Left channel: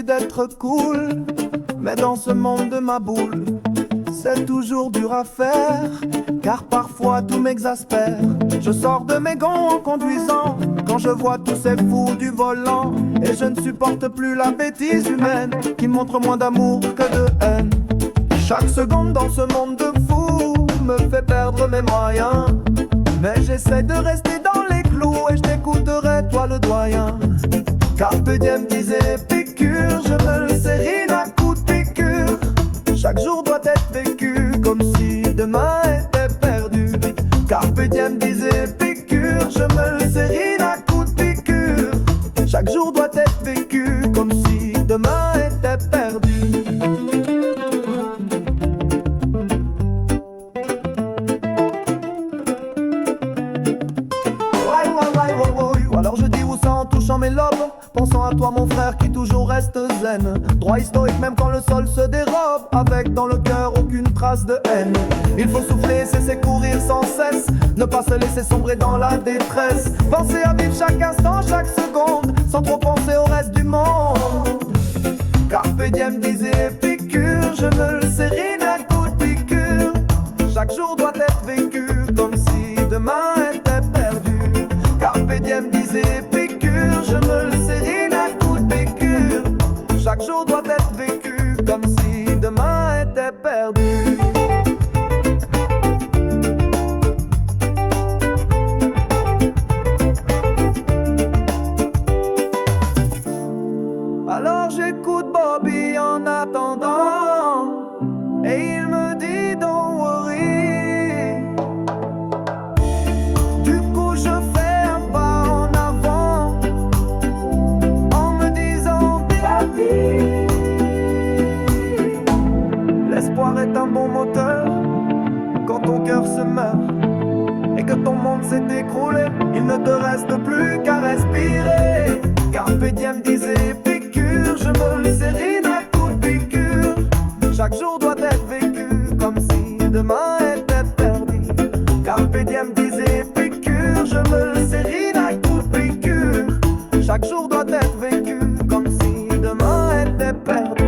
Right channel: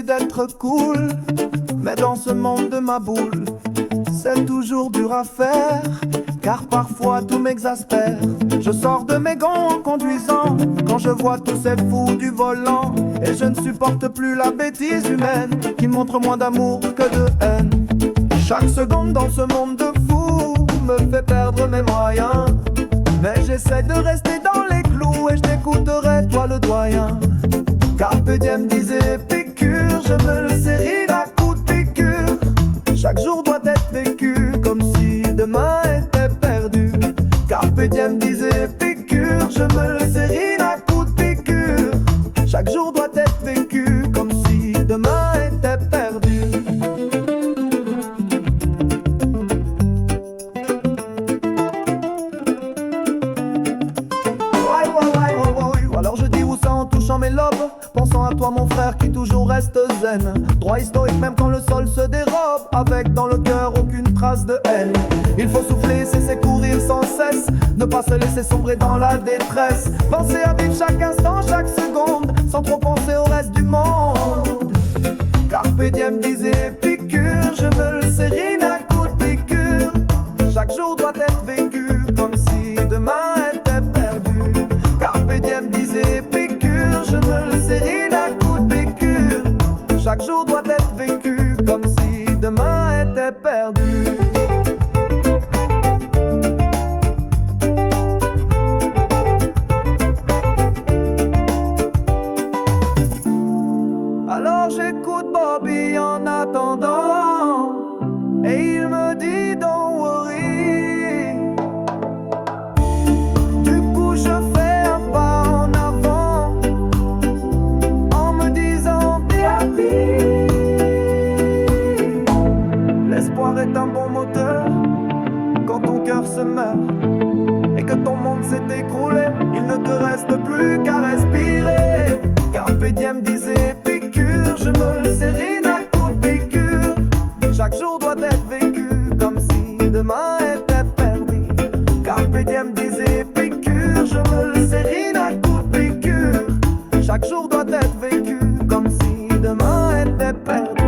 l'habitude d'être cool, mais dans ce monde de ma boule, c'est toujours dur à faire, car parfois tout m'exaspère. Je sors de mes gonds en conduisant, quand je vois tous ces fous du volant, et je ne supporte plus la bêtise humaine, qui montre moins d'amour que de haine. Chaque seconde dans ce monde de fous me fait perdre mes moyens, mais j'essaie de rester dans les clous et je t'écouterai toi le doyen. Carpe diem disait Épicure, je me le sérine à coups de piqûre. Chaque jour doit être vécu comme si demain était perdu. Carpe diem disait Épicure, je me le sérine à coups de piqûre. Chaque jour doit être vécu comme si demain était perdu. Alors je dis où ça en touchant mes lobes, pensant à toi mon frère qui toujours reste zen, droit historique même quand le sol se dérobe, avec dans le cœur aucune trace de haine. Il faut souffler, cesser courir sans cesse, ne pas se laisser sombrer dans la détresse, penser à vivre chaque instant, chaque seconde, sans trop penser au reste du monde. Carpe diem disait Épicure, je me le sérine à coups de piqûre. Chaque jour doit être vécu comme si demain était perdu. Carpe diem disait Épicure, je me le sérine à coups de piqûre. Chaque jour doit être vécu comme si demain était perdu. Alors j'écoute Bobby en attendant, et il me dit don't worry. Du coup je fais un pas en avant, en me disant be happy. L'espoir est un bon moteur quand ton cœur se meurt et que ton monde s'est écroulé. Il ne te reste plus qu'à respirer. Carpe diem disait Épicure, je me le sérine à coups de piqûre. Chaque jour doit être vécu comme si demain était perdu. Carpe diem disait Épicure, je me le sérine à coups de piqûre. Chaque jour doit être vécu comme si demain était perdu.